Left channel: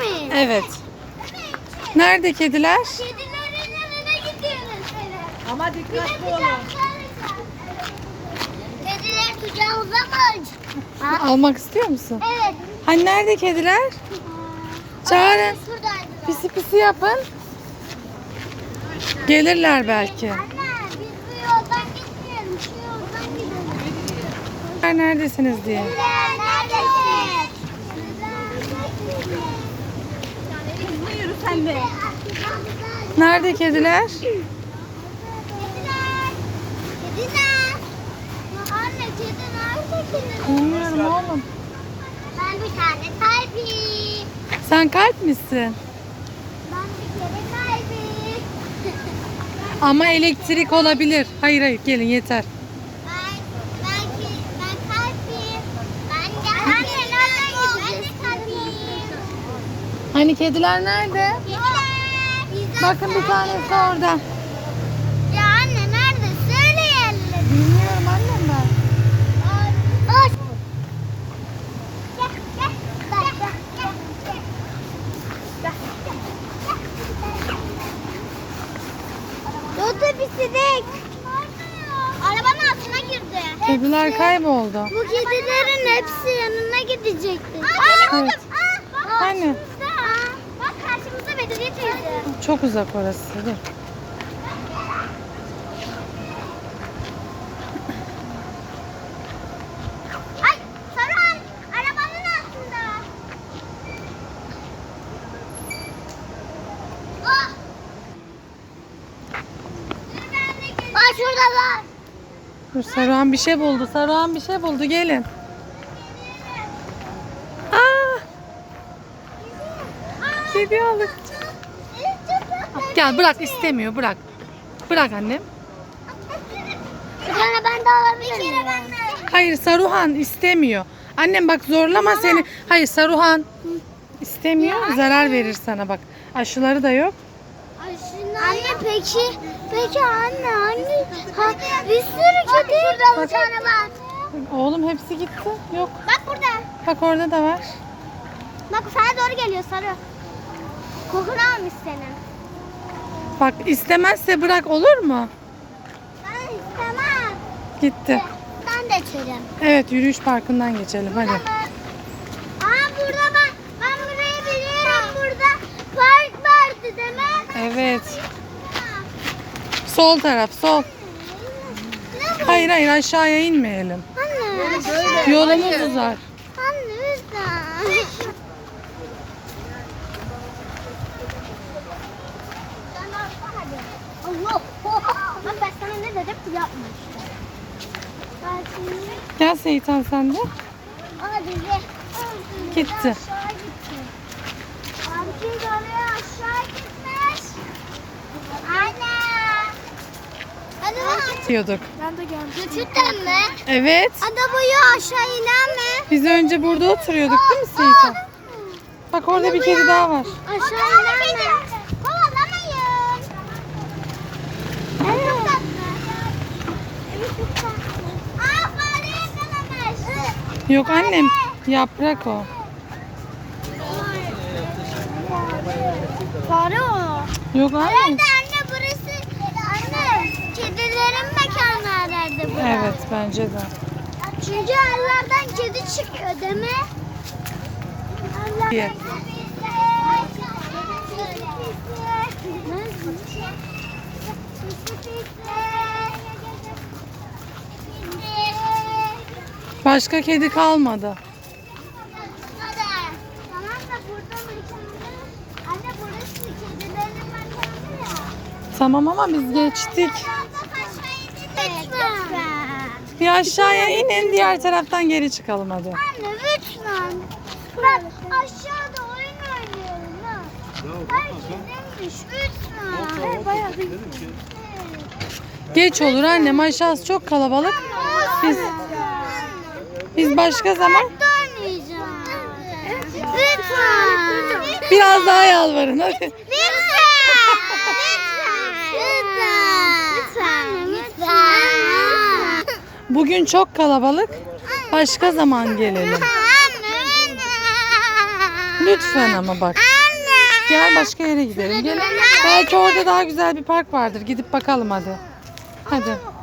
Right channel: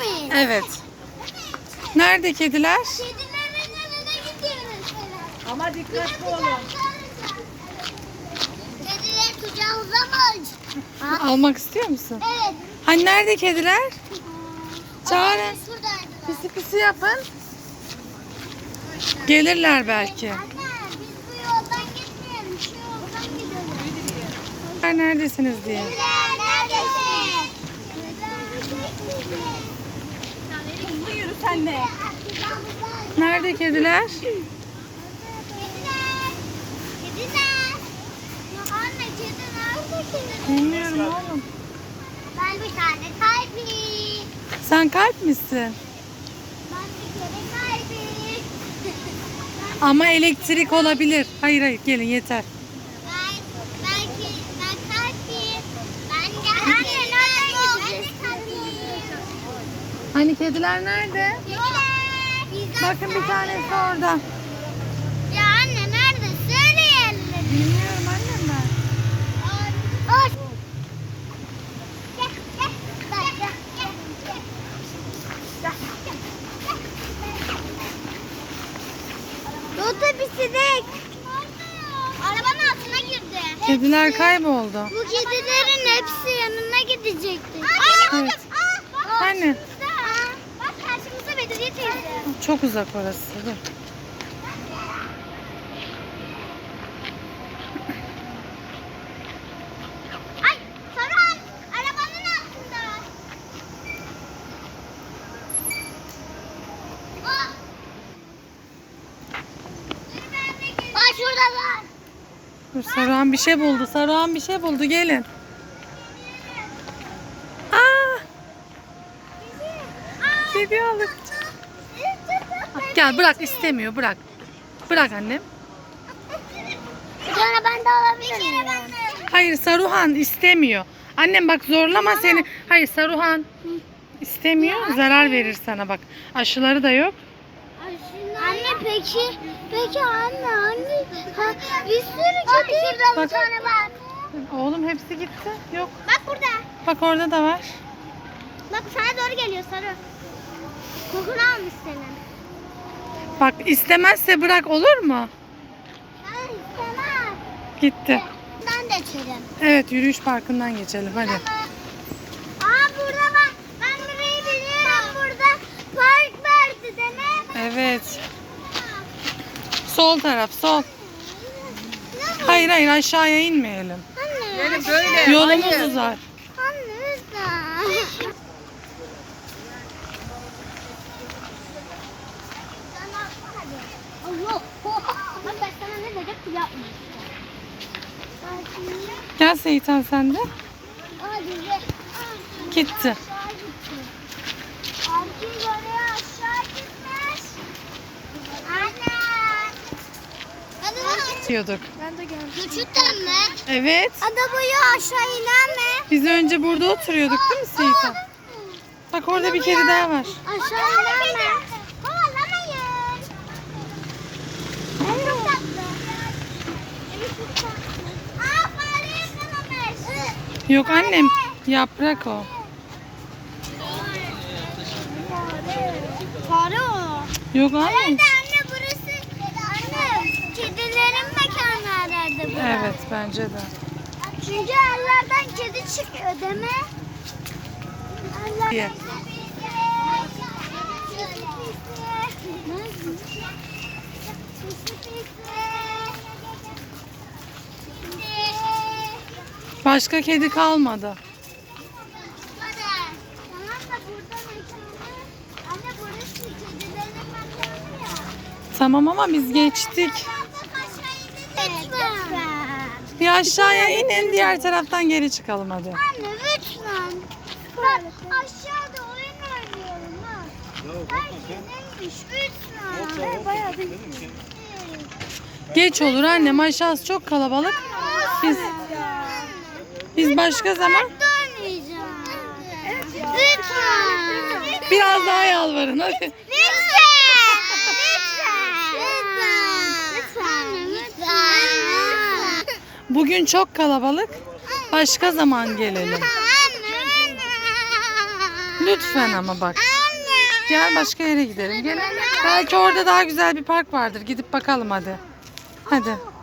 miyiz? Evet. Nerede kediler? Kedilerin önüne gidiyoruz. Evet. Ama dikkatli olun. Kediler kucağımıza mı alacak? Almak istiyor musun? Evet. Hani nerede kediler? Çağırın. Pisi pisi yapın. Gelirler belki. Anne biz bu yoldan gitmeyelim. Şu yoldan gidelim. Neredesiniz diye. Kediler neredesin? Yürü sen de. Nerede kediler? Kediler. Kediler. Ya anne kedi nerede kedi? Bilmiyorum oğlum. Ben bir tane kalbim. Sen kalp misin? Ben bir kere kalbim. Ama elektrik olabilir. Hayır hayır gelin yeter. Ben, ben, ki- ben kalbim. Ben de anne nereden gideceğiz? Hani kediler nerede? Bakın bir tanesi orada. Ya anne nerede? Söyle yerleri. Bilmiyorum annem ben. Otobüsüdük. Arabanın altına girdi. Kediler kayboldu. Bu kedilerin hepsi yanına gidecekti. Evet. Anne. Çok uzak orası. Ah. Şuradalar. Dur, Saruhan bir şey buldu. Saruhan bir şey buldu. Gelin. Aa! Kedi aldık. Gel bırak istemiyor bırak. Bırak annem. Bir tane ben de alabilir miyim? Bir kere ben de. Hayır Saruhan istemiyor. Annem bak zorlama seni. Hayır Saruhan istemiyor. Zarar verir sana bak. Aşıları da yok. Anne peki, peki anne anne. Ha, bir sürü kedi. Bak. bir tane var. Oğlum hepsi gitti. Yok. Bak burada. Bak orada da var. Bak sana doğru geliyor sarı. Kokunu almış senin. Bak istemezse bırak olur mu? Ben istemem. Gitti. Ben de içerim. Evet yürüyüş parkından geçelim hadi. Aa burada bak. Ben burayı biliyorum. Burada park vardı değil mi? Evet. Sol taraf sol. Hayır hayır aşağıya inmeyelim. Anne. Böyle. Yolumuz uzar. Anne lütfen. Allah. Bak ben dedim yapma işte. Gel Seyitan sen de. Gitti. Aşağı gitti. Erkeği oraya aşağı gitmiş. Anne. Hadi bak. Diyorduk. Ben de geldim. Gerçekten mi? Evet. Ada aşağı inen mi? Biz önce burada oturuyorduk değil mi Seyitan? Bak orada bir kedi daha var. Aşağı inen mi? Kovalamayın. Evet. Aa fare yakalamış. Yok annem yaprak o. Fare o. Yok annem. Herhalde anne burası anne kedilerin mekanı herhalde burası. Evet bence de. Çünkü evlerden kedi çıkıyor değil mi? Diye. Başka kedi kalmadı. Tamam da burada mekanı. Anne burası kedilerin mekanı ya. Tamam ama biz geçtik. Bir aşağıya inin diğer taraftan geri çıkalım hadi. Anne lütfen. Bak aşağıda oyun oynuyorum ha. Herkes neymiş lütfen. Bayağı Geç olur annem aşağısı çok kalabalık. Biz biz başka zaman oynayacağım. Lütfen. biraz daha yalvarın hadi. Lütfen. Lütfen. Bugün çok kalabalık. Başka zaman gelelim. Lütfen ama bak. Gel başka yere gidelim. Gel. Belki orada daha güzel bir park vardır. Gidip bakalım hadi. Hadi.